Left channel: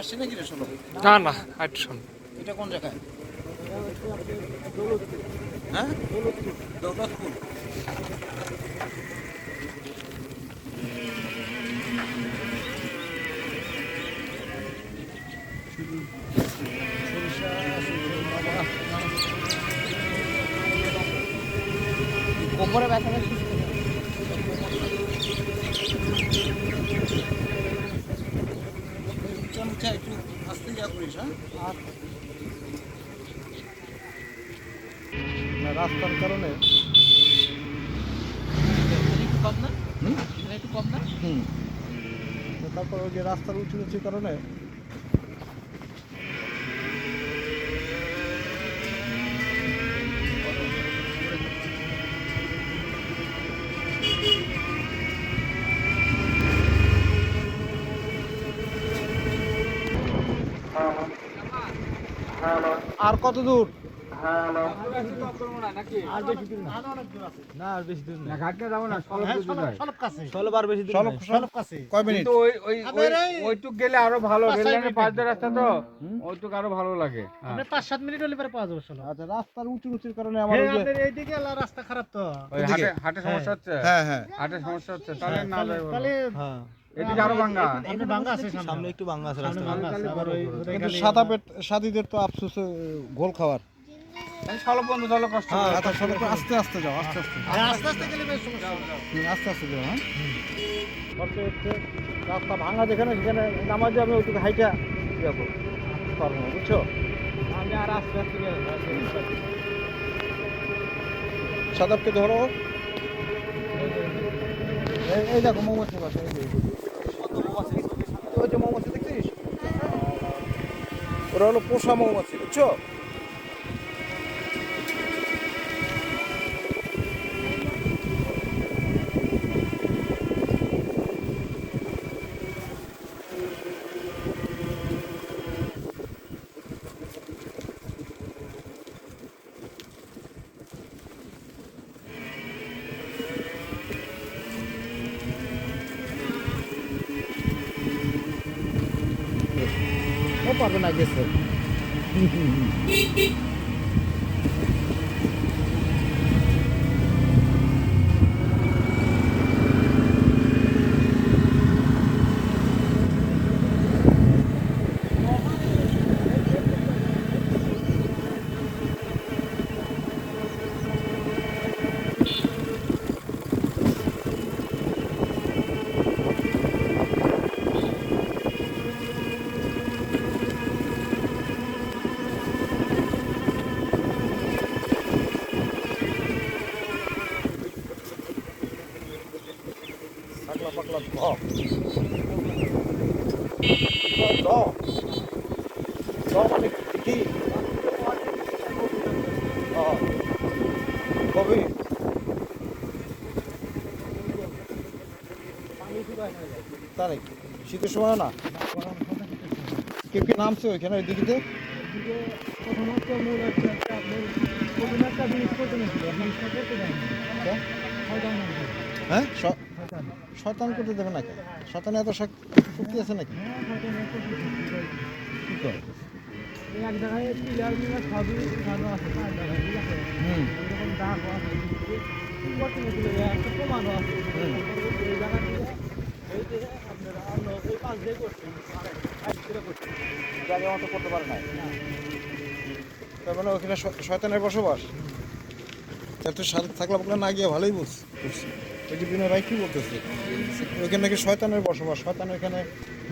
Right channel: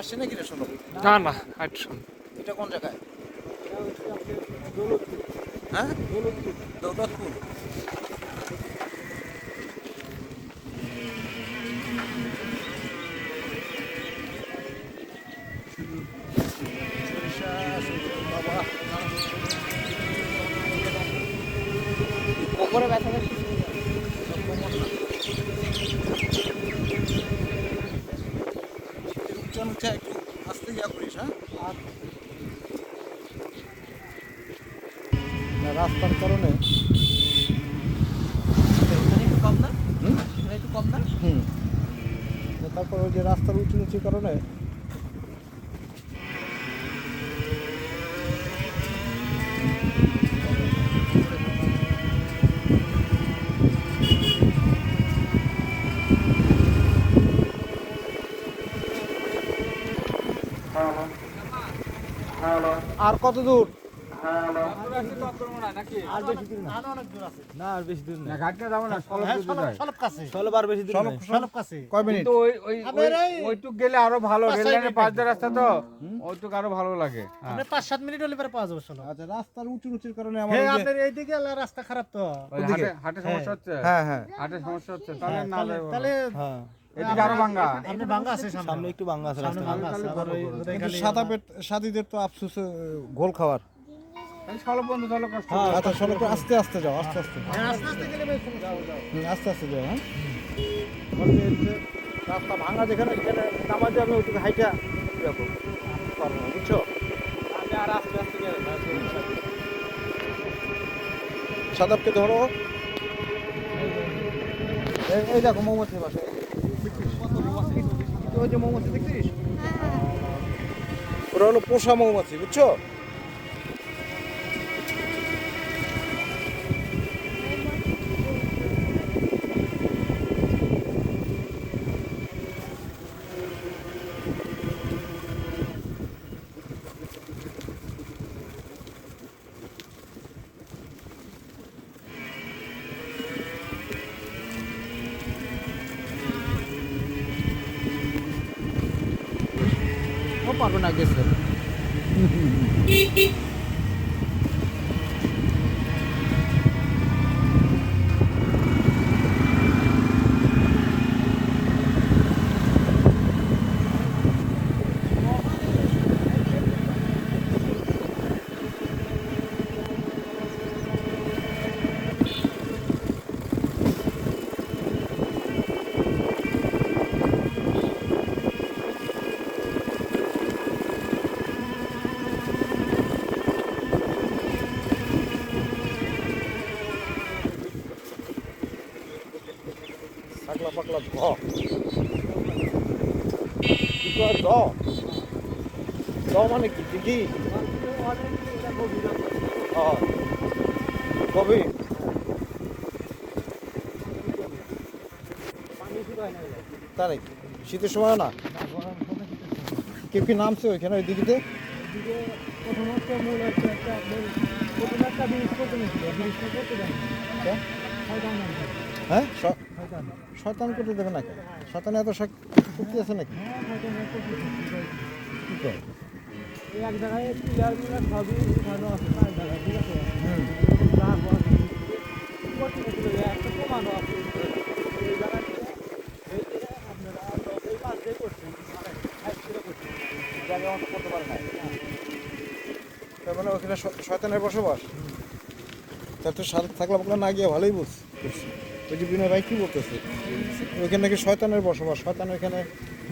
আসছে নাকি রে শোনো? না না একটু শোন। এটা কোন জায়গায়? হ্যাঁ, দৌলতপুর। ওপরে ব্যথা পাচ্ছি। চমচা একটু আস্তে যা করিস। হ্যাঁ, রাস্তার কারণে কম না? হুম একটু কম না? হুম তারপর ওই যে রাস্তার উঁচু নিচুর কারণে আর কত দূর? আর বেশি দূর না। না আর বেশি দূর না ঘাটতে যাবো না, সলব কাছে। বার বেশি দূর সলব সলব কাছে। কয় মিনিট? কিন্তু ওইটুক গেলে আরো ভালো, রেল লাইনের পাশ দিয়ে রাস্তা তো ওইটুক আরো ভালো লাগে। আপনি 5-7 মিনিট হলে পরে পাওয়া যাবে সলব। আচ্ছা, রাস্তার উঁচু নিচুর কারণে আমার হ্যাঁ, ওই যে আপনার এইদিকে রাস্তা খারাপ তো। ওই হাটে সমস্যা হচ্ছে, হ্যাঁ হ্যাঁ হাটে সমস্যা হচ্ছে, তাহলে না তাহলে হ্যাঁ ওইদিকে আরো ভাঙ্গা। আপনি ভাঙ্গা আছে সামনে একটু ভাঙা আছে সামনে রাস্তা। ভাঙ্গা আছে। আবার ওই কিন্তু সাদীদের তো আফসোস ঘোল খাওয়ার। এই সলব বন্ধ, চলো কষ্ট হ্যাঁ, করে। আচ্ছা, চলো একটু আস্তে আস্তে যাও, আস্তে আস্তে আস্তে আস্তে গেলে বেশ সমস্যা হবে। আস্তে আস্তে যাও। হ্যাঁ, বলতে হচ্ছে রাস্তা ভাঙা যেখানে সেখানে নামাজে আমি ওইদিকে হাইটা যাবো, পারবো না, বুঝছো? সাদাবকে ধরো। এই দেখো মৌমাছি বাসা, ওই যে মৌমাছি দেখছিস, ওরা হলো পোষা মৌমাছি, বুঝছো? ও পারবে না, গেছে। পাকলা পাকলা মানে কি দিঘি? কবে? তাই নাকি? শীতের সময় না? কে কে নামছে ওইখানে ওই দিঘিতে? হ্যাঁ, শয়তান করতে দেবে নাকি? শয়তান এত শক্তি আছে নাকি? কি করে? হুম, জায়গা মতো করতে পারে না। তার মানে ওখানে শয়তানের বসবাস। তার তো সাথে থাকলে আপনার না গিয়ে ভালোই বুঝছি। এই যে বিনয় ভাই কি বলতেছে, ওইখানে নাকি শয়তানের বসবাস, শয়তান ওইখানে